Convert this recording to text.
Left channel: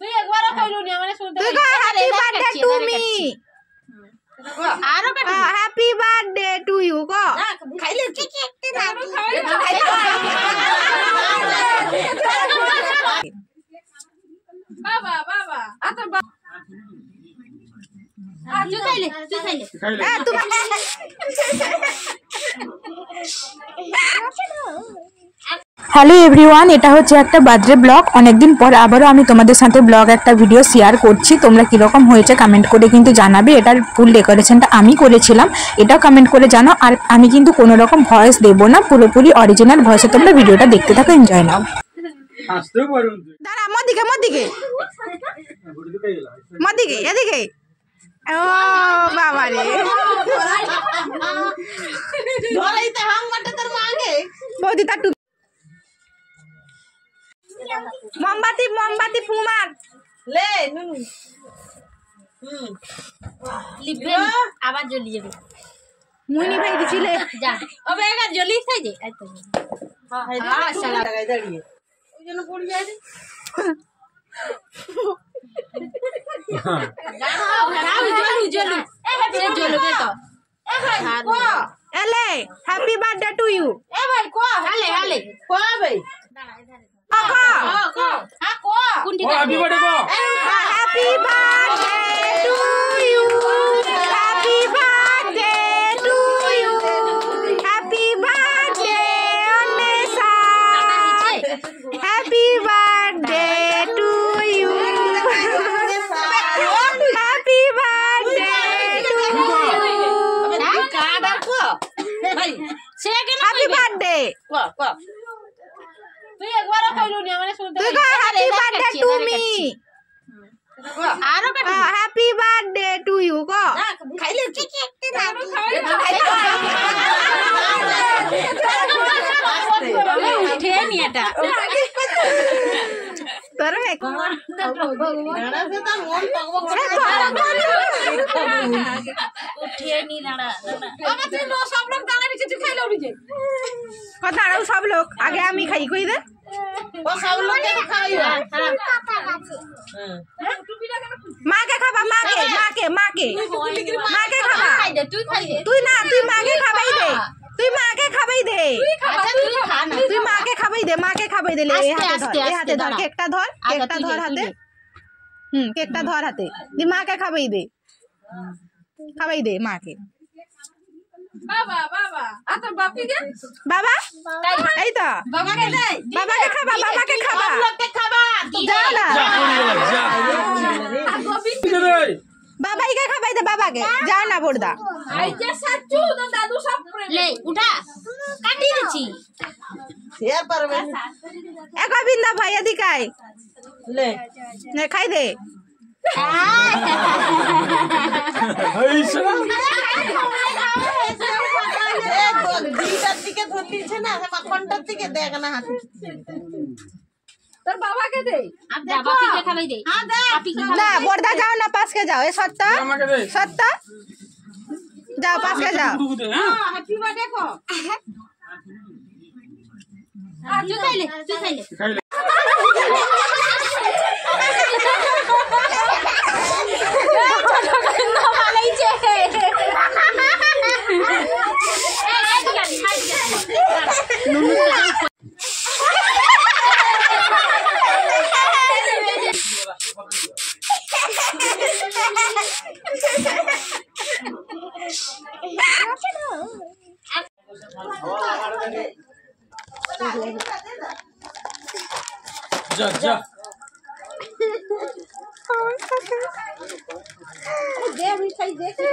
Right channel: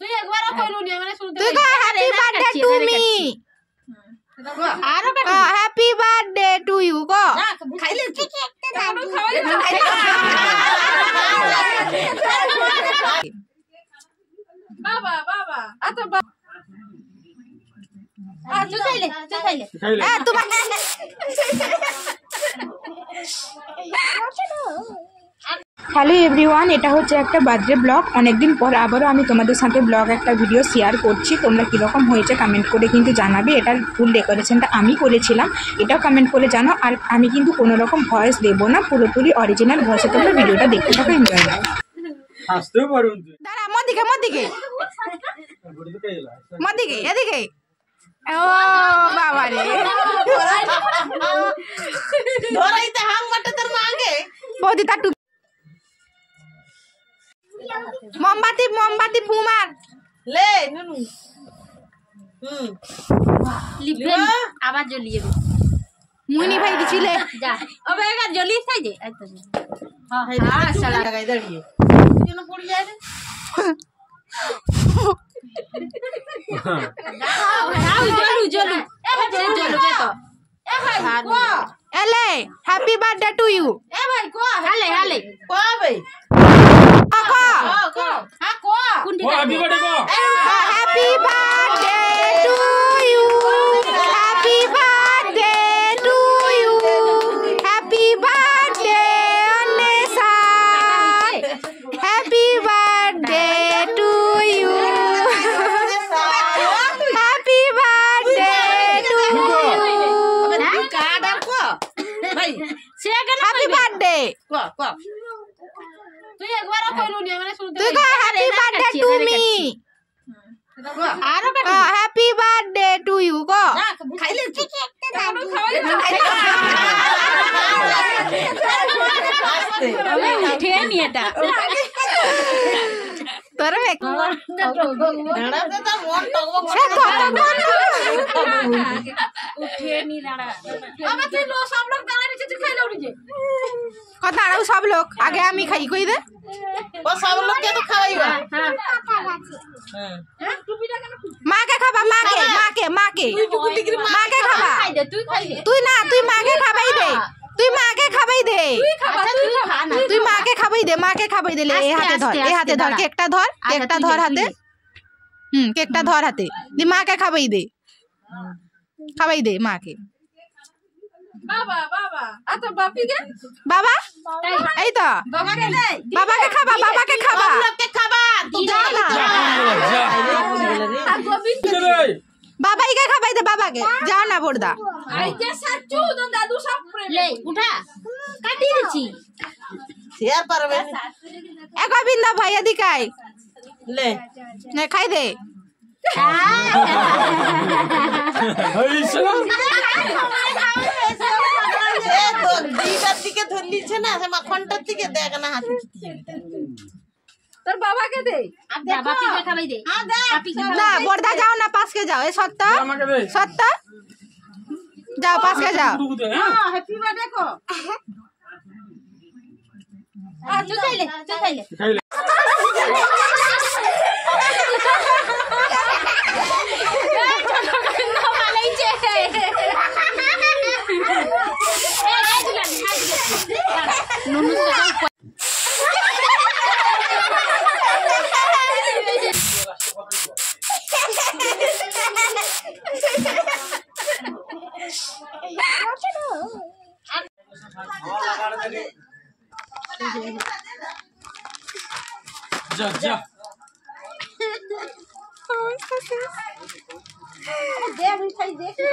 তুই একবারও কইলু নি মানে শুনতে তুই হ্যাপি বার্থডে টু মি আরো কাটি হ্যাপি বার্থডে টু ইউ গো খাইলে তুই বাবা বাবা আতো তুই খাইলে তোমার হ্যালো এভরিওয়ান, এটা হচ্ছে একটা বার্থডে ব্লগ। অনেকদিন পর আবারও আমি তোমাদের সাথে ব্লগ একটা ভিডিও শেয়ার করছি। তোমরা কীরকম হয়েছে কমেন্ট করে কিন্তু জানাবে। এটার ফুল ডেকোরেশনটা আমি করেছিলাম, এটাও কমেন্ট করে জানাও। আর আমি কিন্তু কোনো রকম ভয়েস দেবো না, পুরোপুরি অরিজিনাল ভয়েসে তোমরা ভিডিওটা দেখতে থাকো, এনজয় নাও। দাঁড়া, মদিকে এদিকে। ও বাবা রে, বৌদি তার মোমবাতি ফুমার লে নুনু লিপেন আবার জ্বলি যাবে। মুনি ভাই গেছিল যা ওবে একা জ্বলি খাই যে আই তো হ্যাঁ সালা লাগাই দাঁড়িয়ে কেন পড়ি যায় রে জ্বলু তো এ ভাই কো এলে হ্যাপি বার্থডে টু ইউ। এ ভাই কো হালে কো ভাই Happy birthday to you. Happy birthday to you. Happy birthday Anessa. Happy birthday to you. Happy birthday to you. Happy birthday. তুই একবারও কইলু নি মানে শুনতে তুই হ্যাপি বার্থডে টু মি আরো কাটি হ্যাপি বার্থডে টু ইউ গো খাইলে তুই উঠে নি এটা তোর দাঁড়া দে তার মন টকবক উঠে নি দাঁড়া বাবা তুই লো সব লোক দাঁড়া নিচে তুই খাইলো নি যে কথা আরো সব লোক আগে আমি খাই কই দে ও সব লোক কে খাওয়াইবা হ্যাঁ মাকে খাবা মাকে খাবা খাই দে তুই খাই দে তুই না তুই মাকে খাবাই দে তুই মাকে খাবাই দে আচ্ছা তুই খা না তুই মাকে খাবাই দে লে এই হাতে ধর কেকটা ধর হাতে কেকটা ধর হাতে তুই মাকে খাবাই দে মাকে বাবা আতো বাপি কে বাবা এই তো বাবাকে দে বাবাকে খাবা লোককে খাবা তুই যা না আর গোবিন্দ বাবাইকে খাবাই দে বাবাকে যাও না বড়দা আই যে সাচু দাদু সব লে উঠা কাটি দিছি শেয়ার পারবে এ গোবিন্দ ভাই এদিকে আয় লে নে খাই দে দিকে ধরলিছে না সে মাখনটার দিকে দেখ না হাতে তোর বাবাকে দে বাপিকে খাবাই দে হ্যাঁ দে না বড়দা যাও না পাশকে যাও এ সত্য যাও পাশকে যাও হ্যাপি বার্থডে কো চলে जा दे मिठाई दे